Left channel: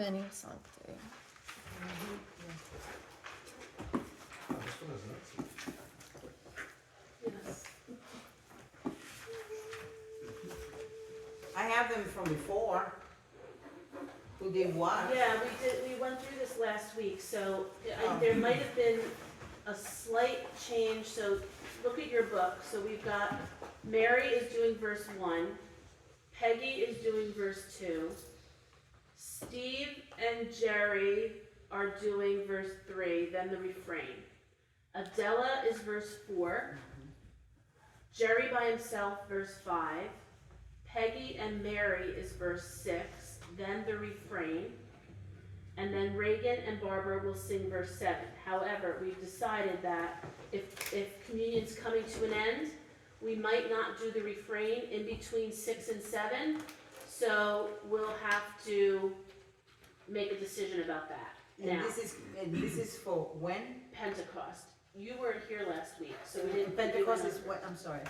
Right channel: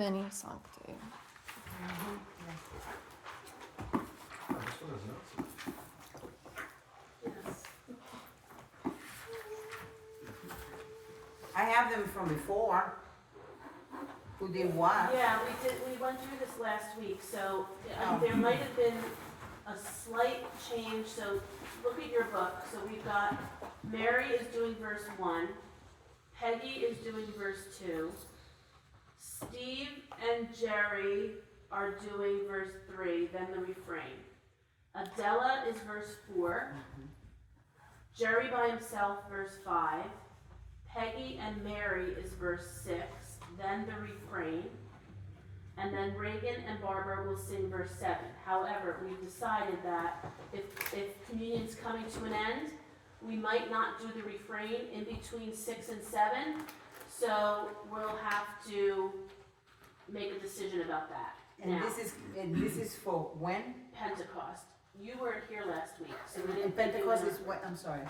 Veni, Sancte. I have them from before. Who did what? Yeah, we went through this last week, so there might have been a slight change, so look at your book. So we've got Mary is doing verse 1, Peggy is doing verse 2, Steve and Jerry are doing verse 3, then the refrain. Adela is verse 4, Jerry by himself, verse 5, Peggy and Mary is verse 6, then the refrain, and then Reagan and Barbara will sing verse 7. However, we've decided that if communion's coming to an end, we might not do the refrain in between 6 and 7, so we'll have to make a decision about that. And now, this is for when? Pentecost. You weren't here last week, so we didn't. Pentecost is what? I'm sorry.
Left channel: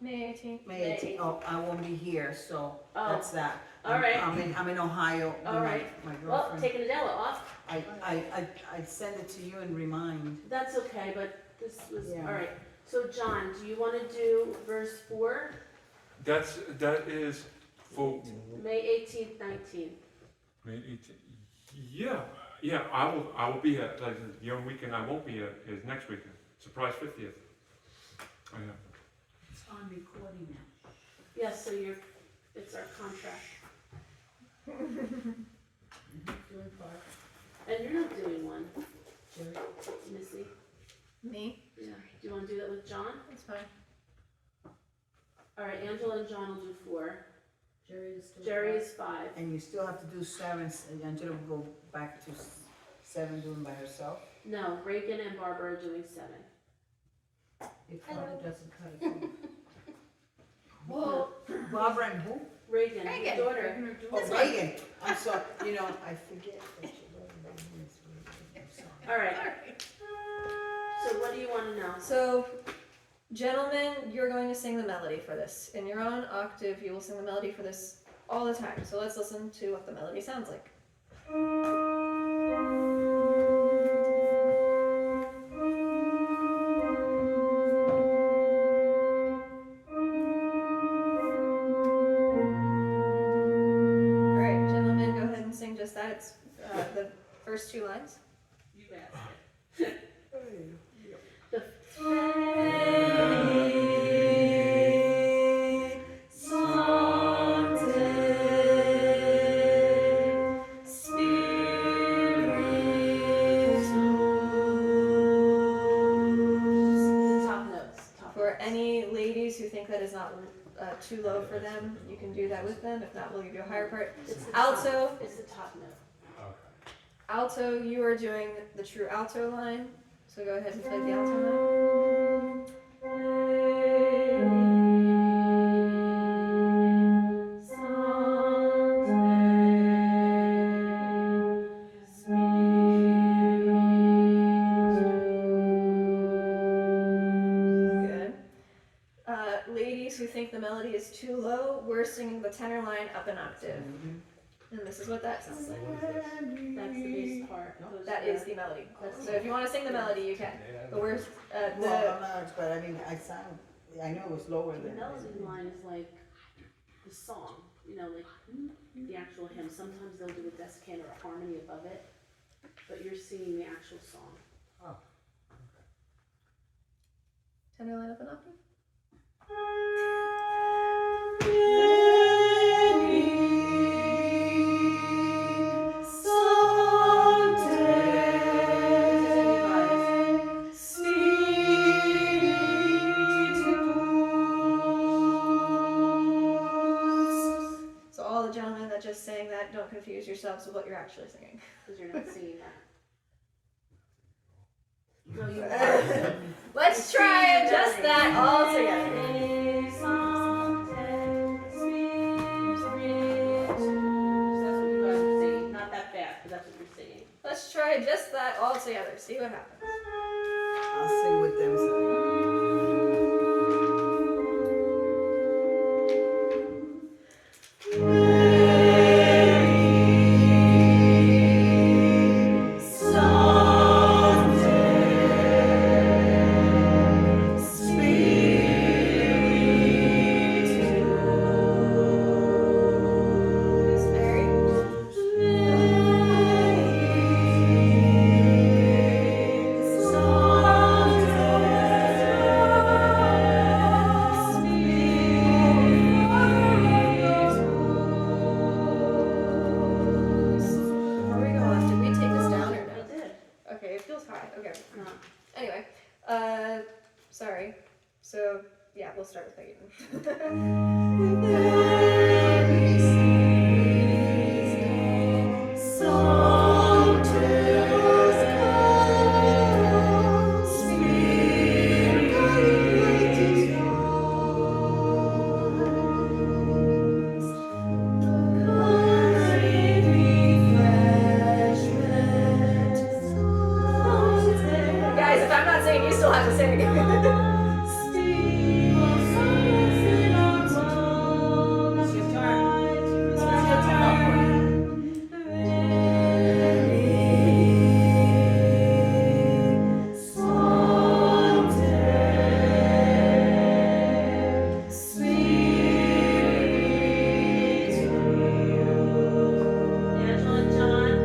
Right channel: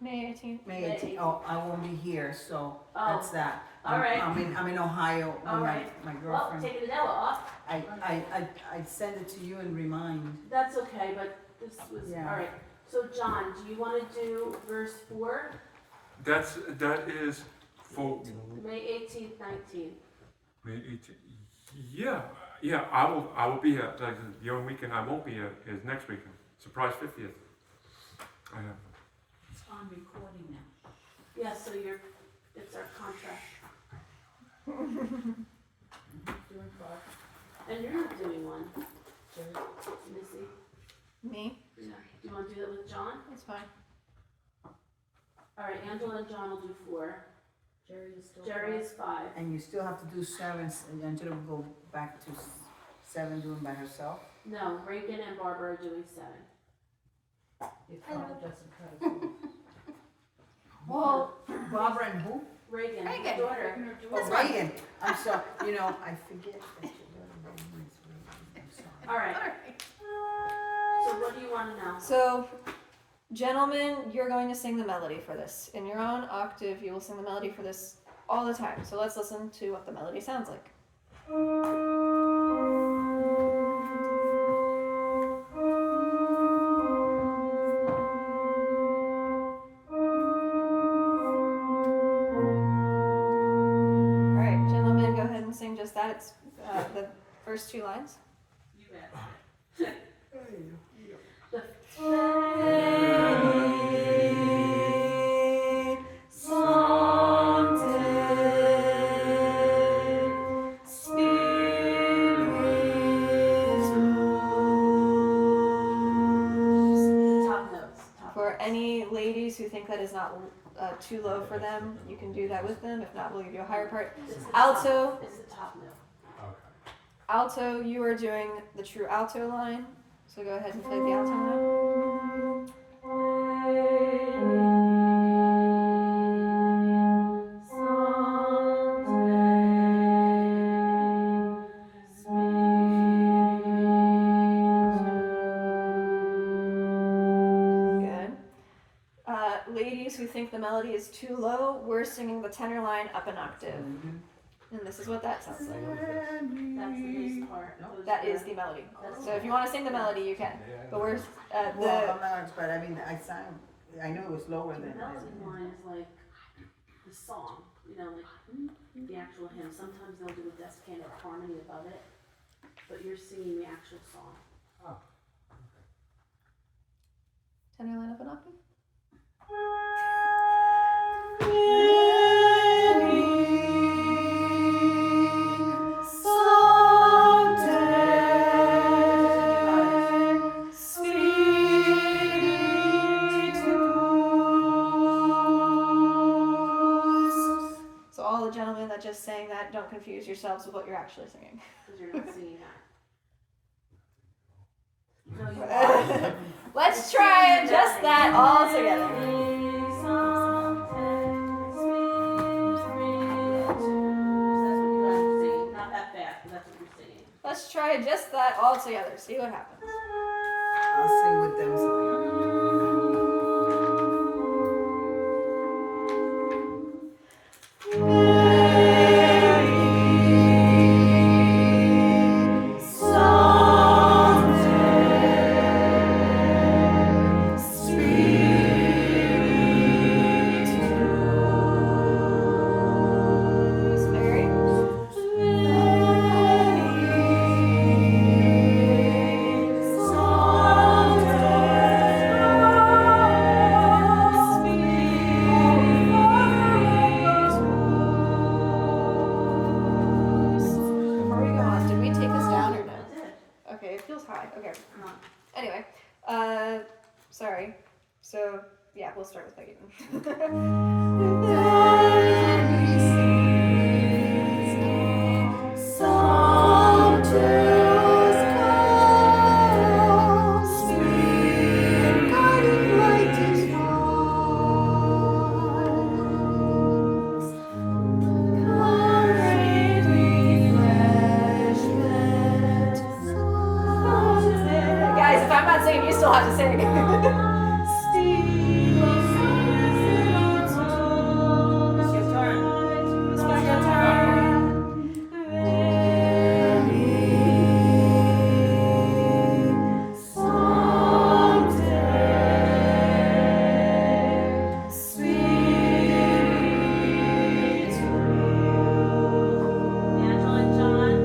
May 18th. May 18th. Oh, I won't be here, so that's that. All right. I'm in Ohio with All right. my Well, girlfriend. taking Adela off. I'd send it to you and remind. That's okay, but this was, Yeah. all right. So John, do you want to do verse 4? That is for May 18th, 19th. May 18th. Yeah. I will be here. Like, the only weekend I won't be here is next weekend. Surprise 50th. It's on recording now. Yes, so it's our contract. Doing part. And you're not doing one, Jerry. Missy. Me? Yeah. Do you want to do that with John? It's fine. All right, Angela and John will do 4. Jerry is 5. And you still have to do 7, and Angela will go back to 7 doing by herself? No, Reagan and Barbara are doing 7. If Barbara doesn't cut it. Well, Barbara and who? Reagan, Reagan. your daughter. Oh, Reagan. I'm sorry, I forget that she doesn't know this Reagan. I'm sorry. All right. So what do you want to know? so, gentlemen, you're going to sing the melody for this. In your own octave, you will sing the melody for this all the time. So let's listen to what the melody sounds like. Alright, gentlemen, go ahead and sing just that. It's the first 2 lines. You bet. Top notes. For any ladies who think that is not too low for them, you can do that with them. If not, we'll give you a higher part. It's the Alto. Top, it's the top note. Alto, you are doing the true alto line. So go ahead and play the alto line. Good. Ladies who think the melody is too low, we're singing the tenor line up an octave. And this is what that sounds like. That's the bass part. Those That are- is the melody. So if you want to sing the melody, you can. But we're Well, the I'm not expert, I know it was lower The than. melody line is like the song, like the actual hymn. Sometimes they'll do a descant or a harmony above it, but you're singing the actual song. tenor line up an octave. So all the gentlemen that just sang that, don't confuse yourselves with what you're actually singing. Because you're not singing that. No, you are. Let's try just that all together. That's what you guys are singing. Not that fast, but that's what you're singing. Let's try just that all together. See what happens. I'll sing with them. why. Okay. No. Anyway, sorry. So yeah, we'll start with Peggy. Guys, if I'm not singing, you still have to sing. It's your turn. It's your turn. Angela and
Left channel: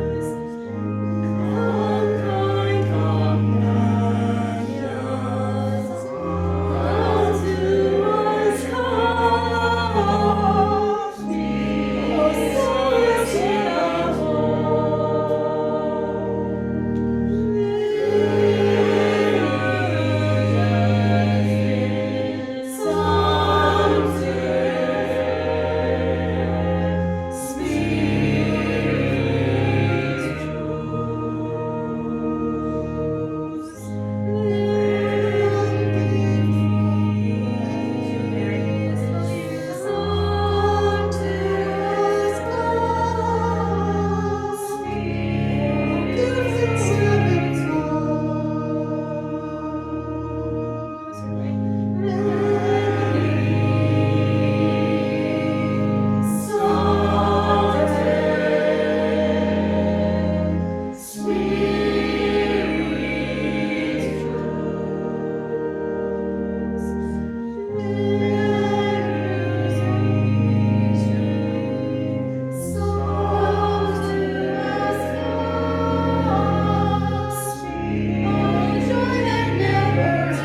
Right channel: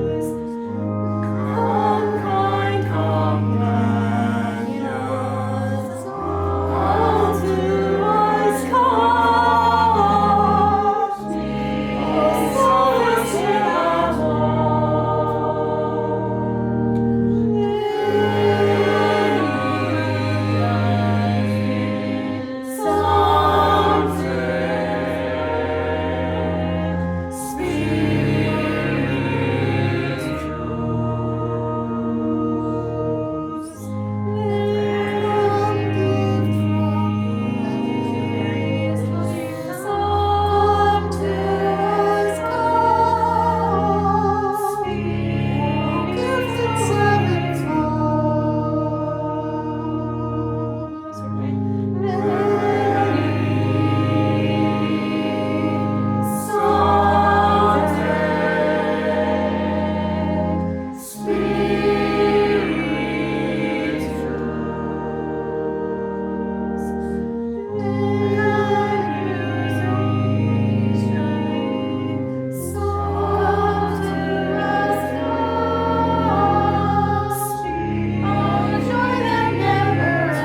John.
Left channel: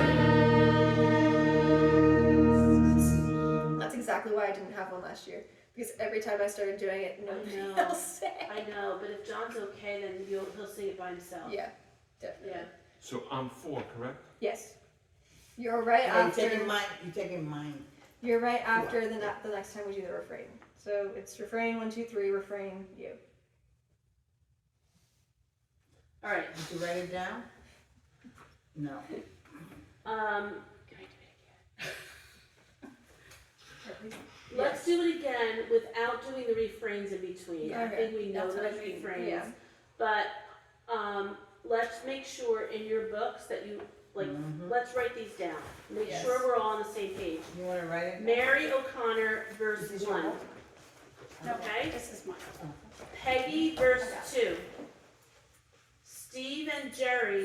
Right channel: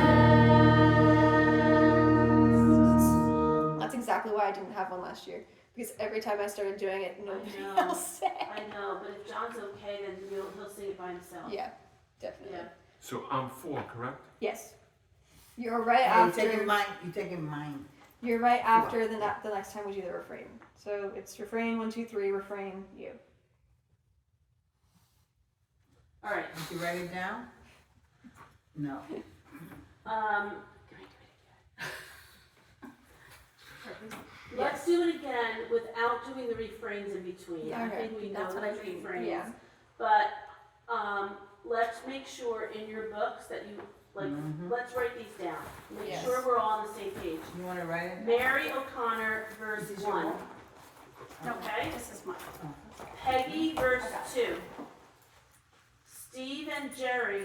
That's exactly why I didn't have one last year. Because every time I started doing it, nobody know. else sang. I know, but if John's okay, then he'll sing it by himself. Yeah, definitely. Yeah. So I'm 4, correct? Yes. You're right You're after. taking mine. You're right after the next time we do the refrain. So it's refrain 1, 2, 3. Refrain you. All right. Did you write it down? No. Let's do it again without doing the refrains in between. I Okay. think we know That's what those I mean. refrains. Yeah. But let's make sure in your books that you let's write these down. Make Yes. sure we're all on the same page. You want to write it? Mary O'Connor, verse 1. Okay? This is mine. Peggy, verse 2. Steve and Jerry,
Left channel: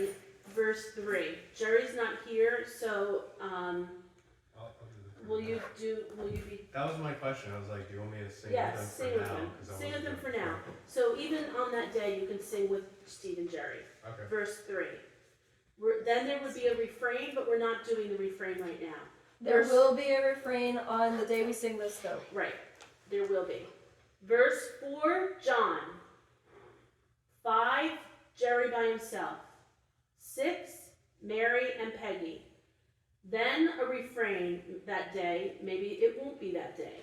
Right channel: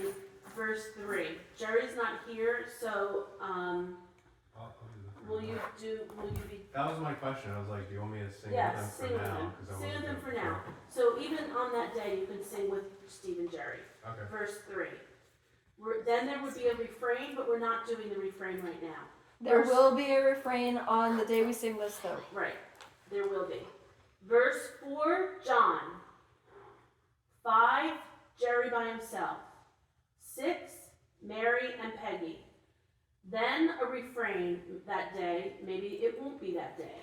verse 3. Jerry's not here, so will you be? That was my question. I was like, do you want me to sing Yes, with them sing for with now? them. 'Cause I Sing with wasn't them for sure. now. So even on that day, you can sing with Steve and Jerry. Okay. Verse 3. Then there would be a refrain, but we're not doing the refrain right now. There Verse- will be a refrain on the day we sing this though. Right, there will be. Verse 4, John. 5, Jerry by himself. 6, Mary and Peggy. Then a refrain that day, maybe it won't be that day.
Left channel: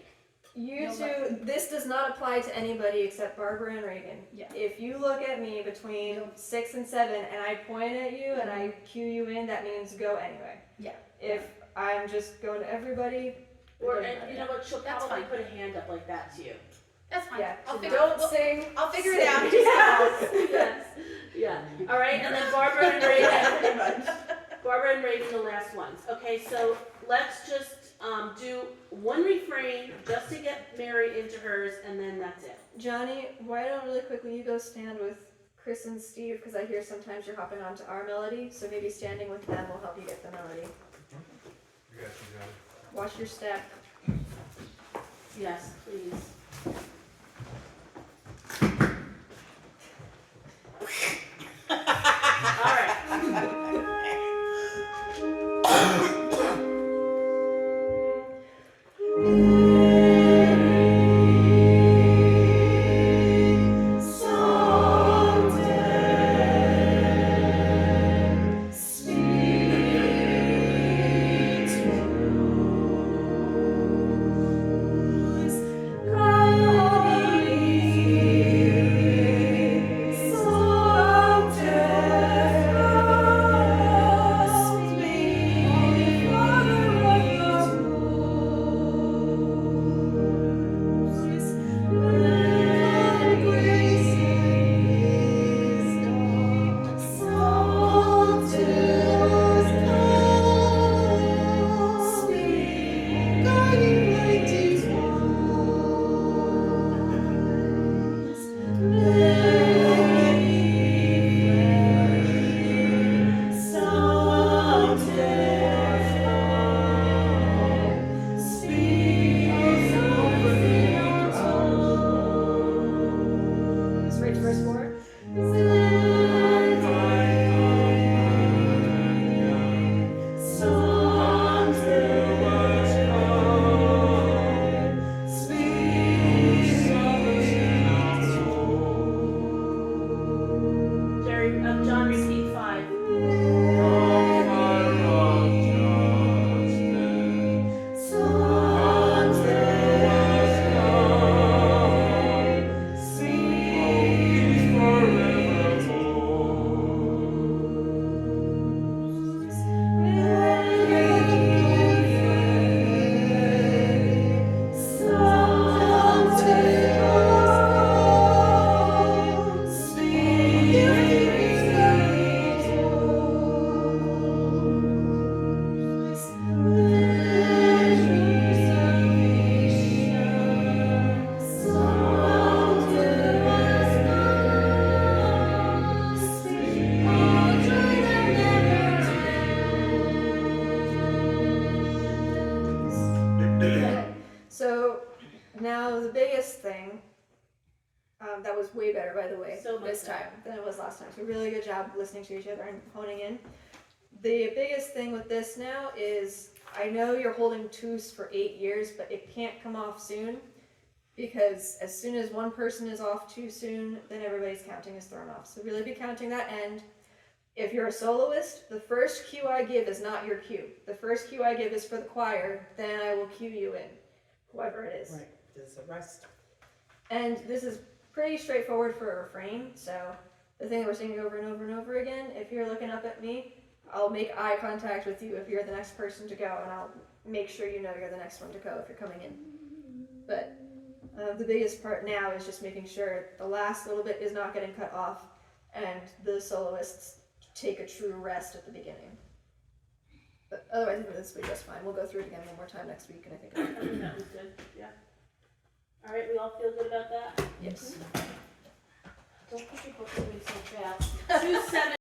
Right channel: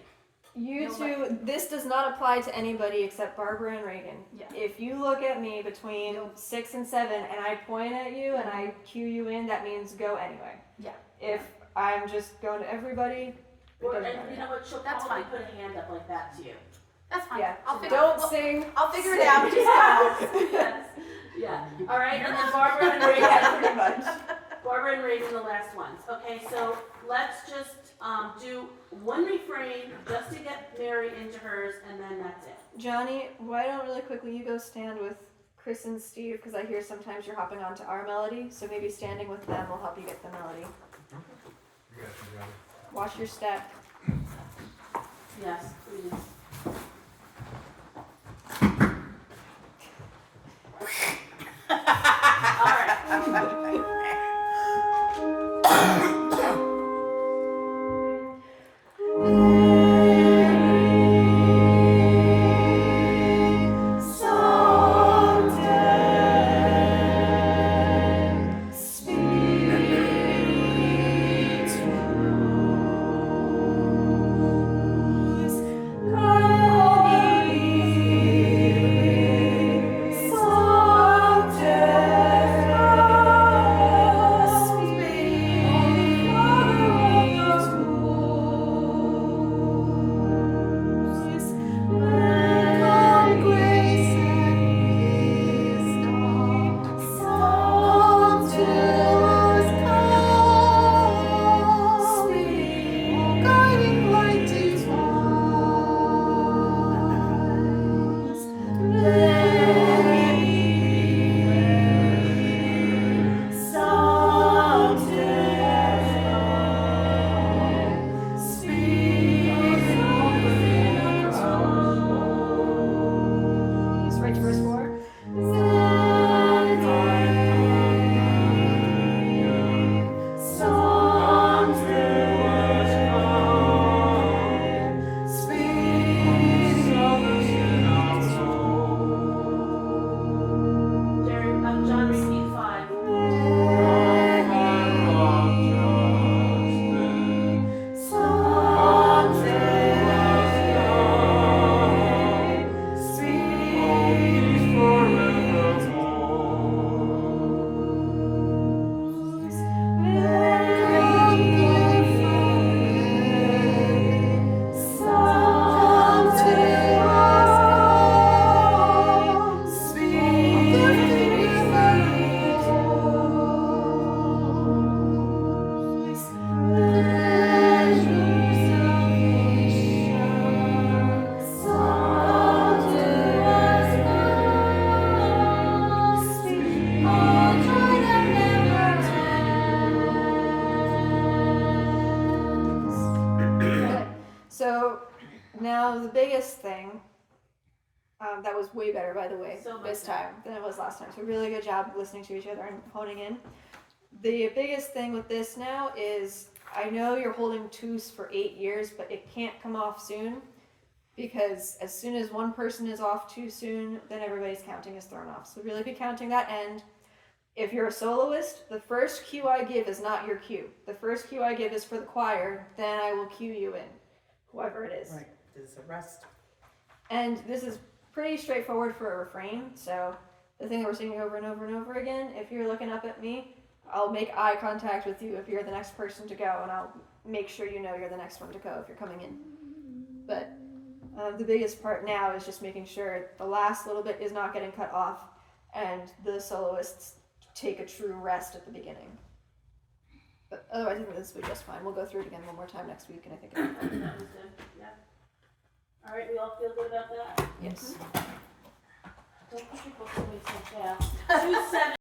You No, two, this does not apply to anybody except Barbara and Reagan. Yeah. If you look at me between 6 and 7 and I point at you and I cue you in, that means go anyway. Yeah. If I'm just going to everybody, it Or, doesn't and matter. you know what, she'll That's probably fine. put a hand up like that to you. That's fine. Yeah, I'll so figure don't well, sing. I'll figure it out. Yes, yeah. All right, and then Barbara and Reagan. Pretty much. Barbara and Reagan, the last ones. Okay, so let's just do one refrain just to get Mary into hers, and then that's it. Johnny, why don't really quickly you go stand with Chris and Steve, because I hear sometimes you're hopping onto our melody, so maybe standing with them will help you get the melody. You got it. Watch your step. Yes, please. All right. Sancte, to verse 4. John, repeat 5. So now the biggest thing, that was way better by the way, So much this time than it was last time. So really good job listening to each other and honing in. The biggest thing with this now is I know you're holding twos for 8 years, but it can't come off soon because as soon as one person is off too soon, then everybody's counting is thrown off. So really be counting that end. If you're a soloist, the first cue I give is not your cue. The first cue I give is for the choir, then I will cue you in, whoever it is. Right, there's a rest. And this is pretty straightforward for a refrain, so the thing that we're singing over and over and over again, if you're looking up at me, I'll make eye contact with you if you're the next person to go, and I'll make sure you know you're the next one to go if you're coming in. But the biggest part now is just making sure the last little bit is not getting cut off, and the soloists take a true rest at the beginning. But otherwise, I think this will be just fine. We'll go through it again one more time next week, and I think it'll be I fine. think that was good, yeah. All right, we all feel good about that? Yes. Don't push your book away so fast. 2-7.